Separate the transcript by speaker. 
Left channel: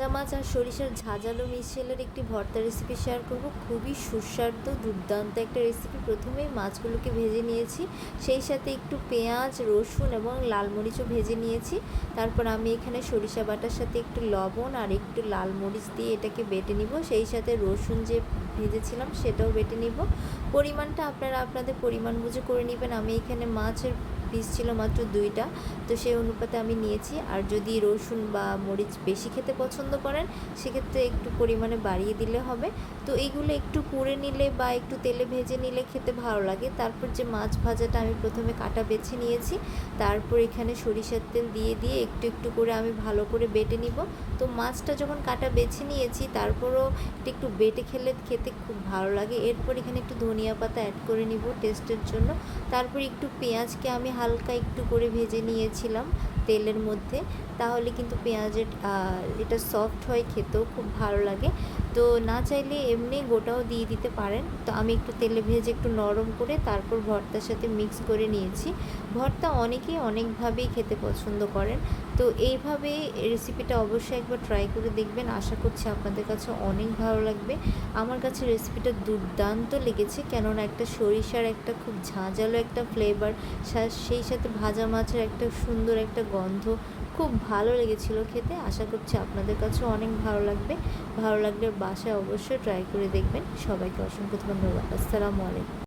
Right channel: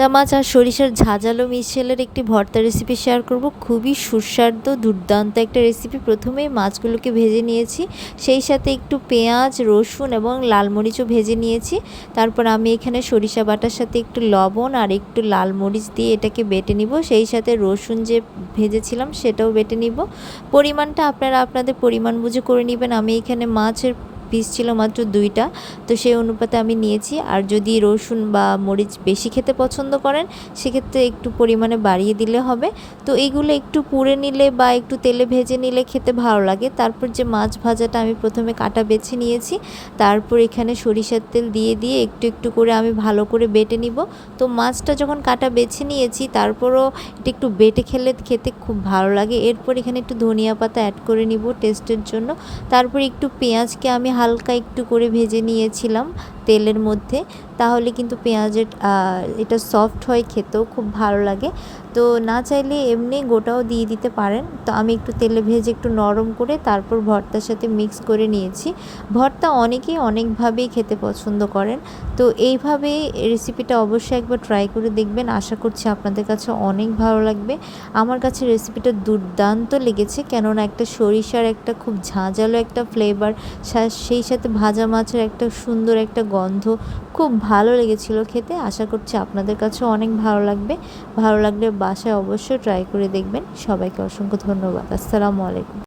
Speaker 1: ভাজা মাছ আর সরিষার ঝাঁঝালো মিশেলের একটি ভর্তা রেসিপি শেয়ার করব। খুবই সুস্বাদু, দুর্দান্ত একটা রেসিপি প্রথমেই মাছগুলোকে ভেজে নিয়েছি। সেই সাথে একটু পেঁয়াজ, রসুন এবং লাল মরিচও ভেজে নিয়েছি। তারপর আমি এখানে সরিষা বাটার সাথে একটু লবণ আর একটু লাল মরিচ দিয়ে এটাকে বেটে নিব। সেই সাথে রসুন যে ভেজেছিলাম সেটাও বেটে নিব। পরিমাণটা আপনারা আপনাদের পরিমাণ বুঝে করে নেবেন। আমি এখানে মাছের পিস ছিল মাত্র দুইটা। তো সেই অনুপাতে আমি নিয়েছি। আর যদি রসুন বা মরিচ বেশি খেতে পছন্দ করেন, সেক্ষেত্রে একটু পরিমাণে বাড়িয়ে দিলে হবে। তো এইগুলো একটু পুড়ে নিলে বা একটু তেলে ভেজে নিলে খেতে ভালো লাগে। তারপর যে মাছ ভাজাটা আমি প্রথমে কাটা বেছে নিয়েছি, তারপর এখানে সরিষার তেল দিয়ে দিয়ে একটু একটু করে আমি ভালো করে বেটে নিব। তো মাছটা যখন কাটা বেছে নিয়েছি, তারপরও এটা একটু বেটে খেলে খেতে খুব ভালো লাগে। এরপর এখানে একটু ধনিয়া পাতা অ্যাড করে নিব টেস্টের জন্য। তারপর একটু পেঁয়াজকে আমি হালকা একটু করে ভেজে নিয়েছিলাম। তেলের মধ্যে, তাহলে কিন্তু পেঁয়াজের এটা সফট হয় খেতেও খুব ভালো লাগে। তো না চাইলে এমনি গোটাও দিয়ে দিতে পারেন। তো আমি একটু তেলে ভেজে একটু নরম করে তারপর ভর্তার সাথে মিক্স করে নিয়েছি। ভর্তা অনেকেই অনেকভাবেই খেতে পছন্দ করেন। তো এইভাবে রেসিপিটা অবশ্যই একবার ট্রাই করে দেখবেন। আশা করছি আপনাদের কাছে অনেক ভালো লাগবে। আমার কাছে রেসিপিটা দুর্দান্ত লেগেছে, কেননা একটা সরিষার একটা খুব ঝাঁঝালো একটা ফ্লেভার সেই সাথে ভাজা মাছের একটা সুন্দর একটা গন্ধ খুব ভালো লেগেছিল খেতে। আশা করছি আপনাদের কাছে অনেক ভালো লাগবে। ভালো লাগলে বাসায় অবশ্যই ট্রাই করে দেখবেন। সবাইকে অসংখ্য ধন্যবাদ। আসসালামু আলাইকুম।